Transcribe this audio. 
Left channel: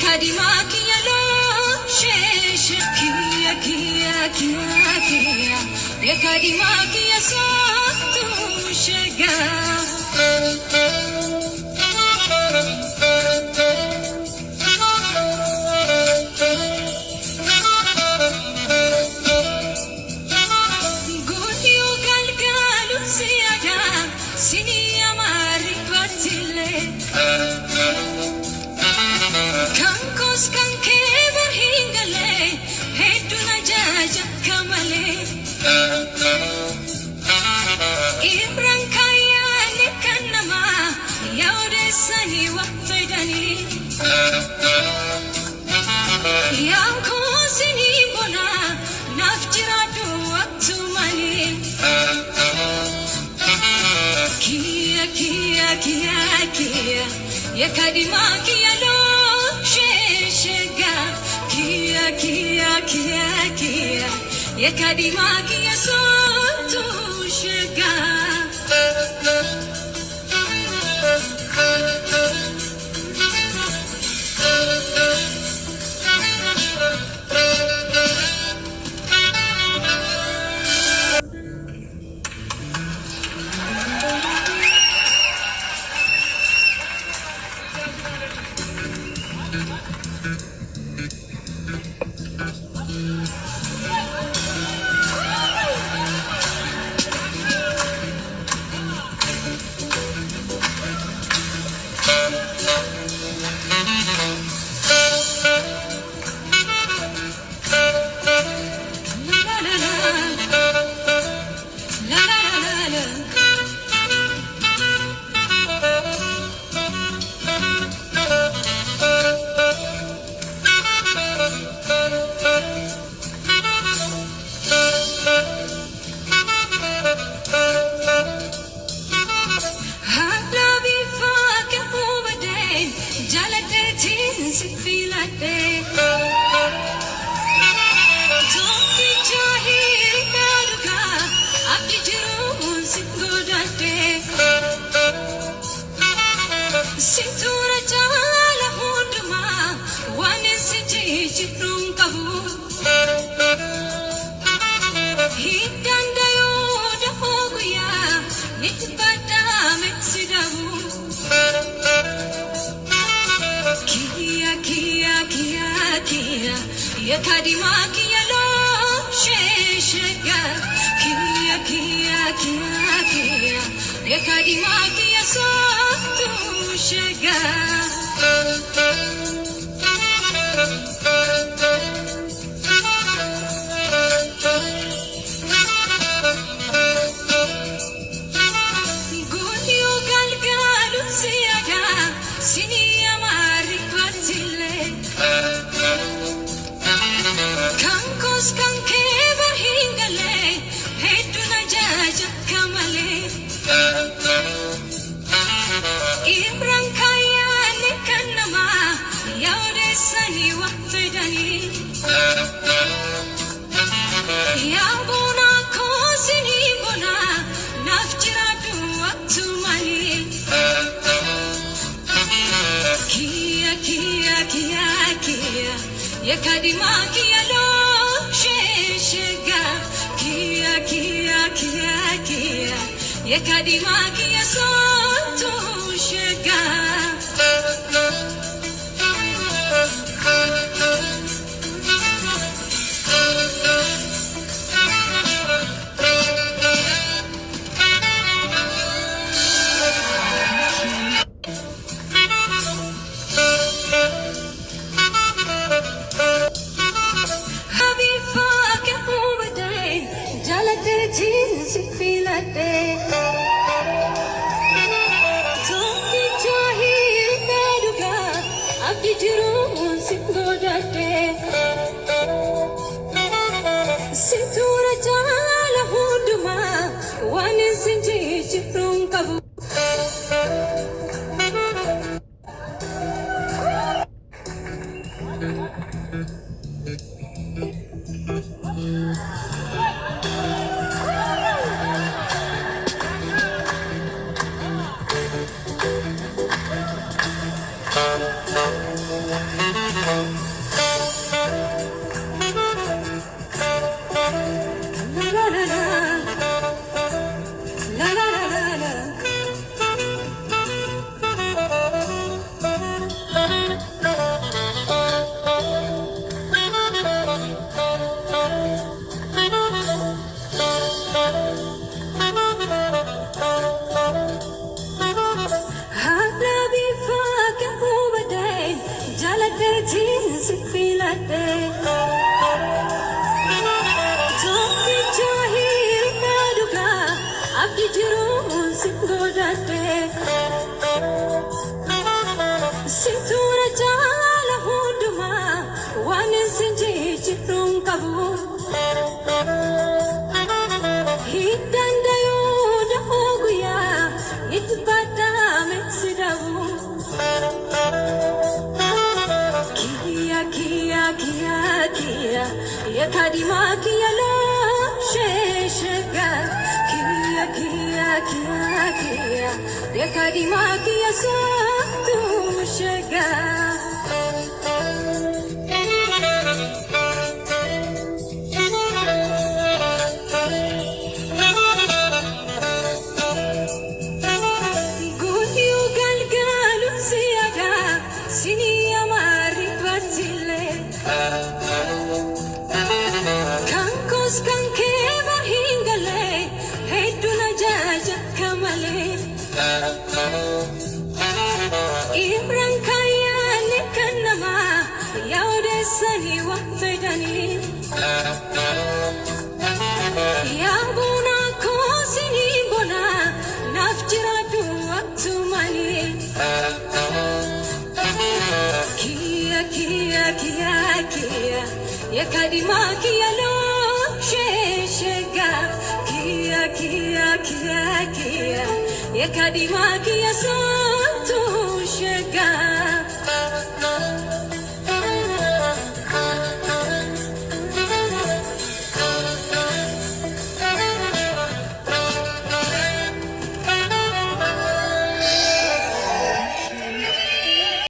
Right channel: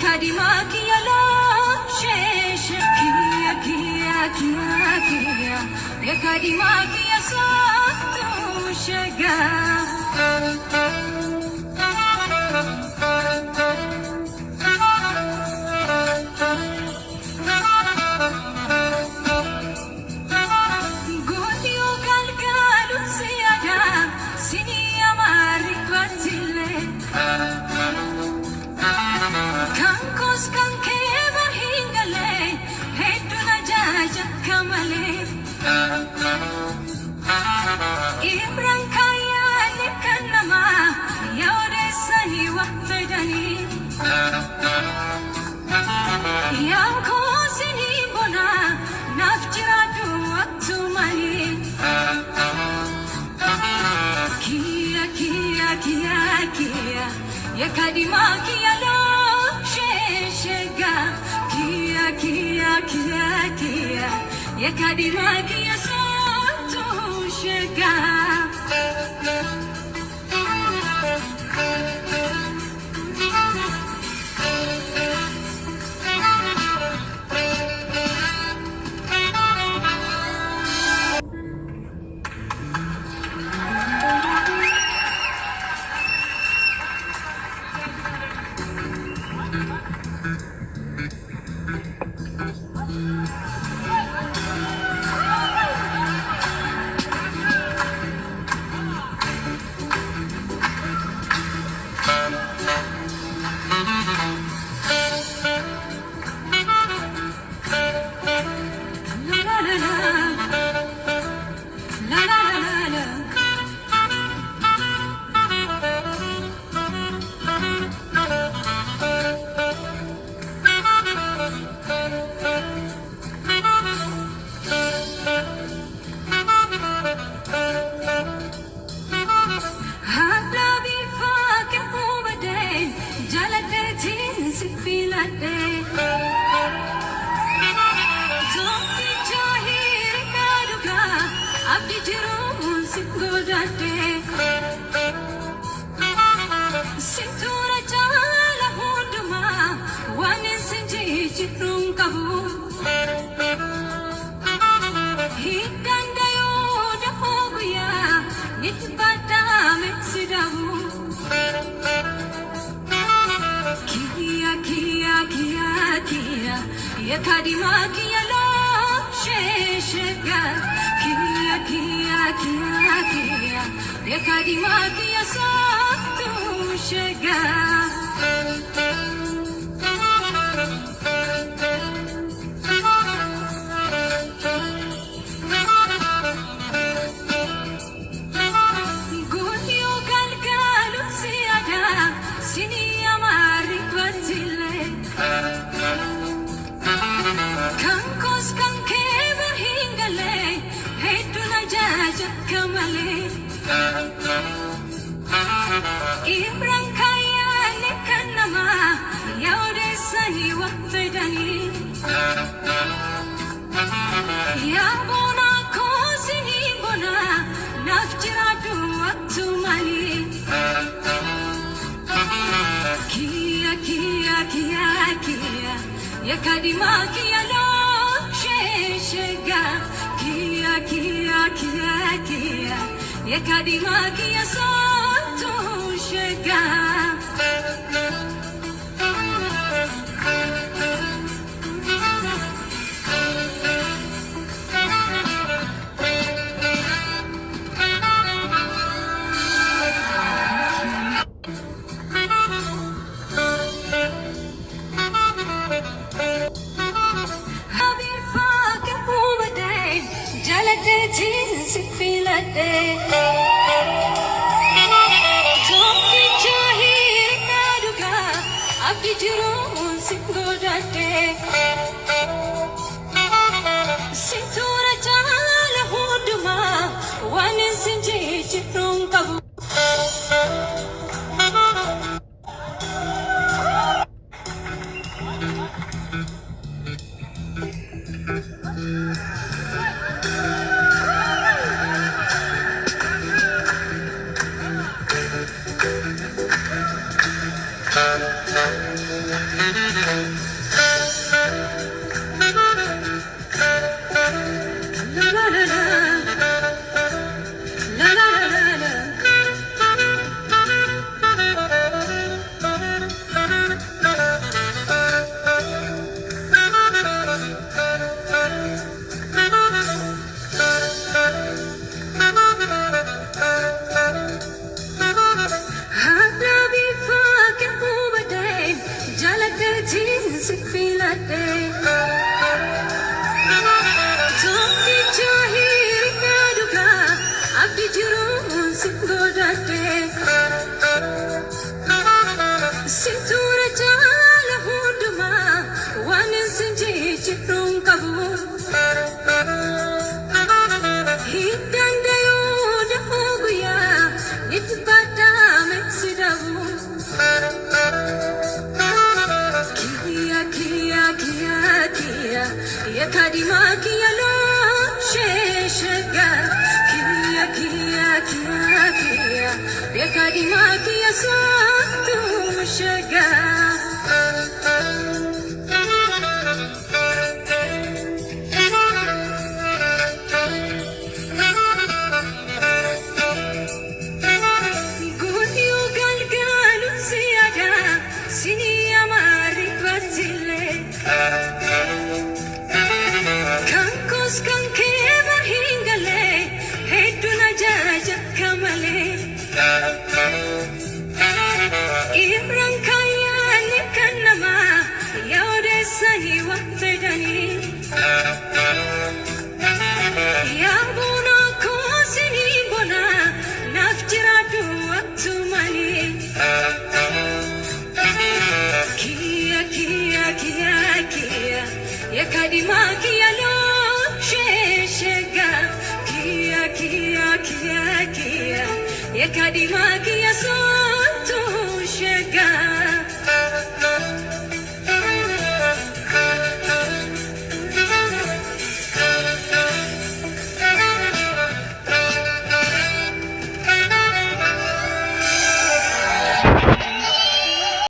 kadimaki yalo shesh kia kia kia kia ya kadimaki yasatu shega Godio galgalu siada sini amari patile Kankos kanke berhingale heduna jaja kamale Ibrang kaya nikanama yaude sani waktidani Yang ko sini bona nafjiradu waktumani Kia kia kia kia ya kadimaki yalo sheshega kia kia kia kia ya kadimaki yasotu shega Sintura jala hunduma wane sinji chitrung kabu Hidanda yoda hoguya nitbata metsidabu Kia kia kia kia ya kadimaki yalo sheshega Kia kia kia kia ya kadimaki yasotu shega Godio galgalu siada sini amari patile Kankos kanke berhingale heduna jaja kamale Ibrang kaya nikanama yaude sani waktidani Yabona ko sini bona nafjiradu waktumani Kia kia kia kia ya kadimaki yalo sheshega Kia kia kia kia ya kadimaki yasotu shega Sintura jala hunduma wane sinji chitrung kabu Yekadima kiya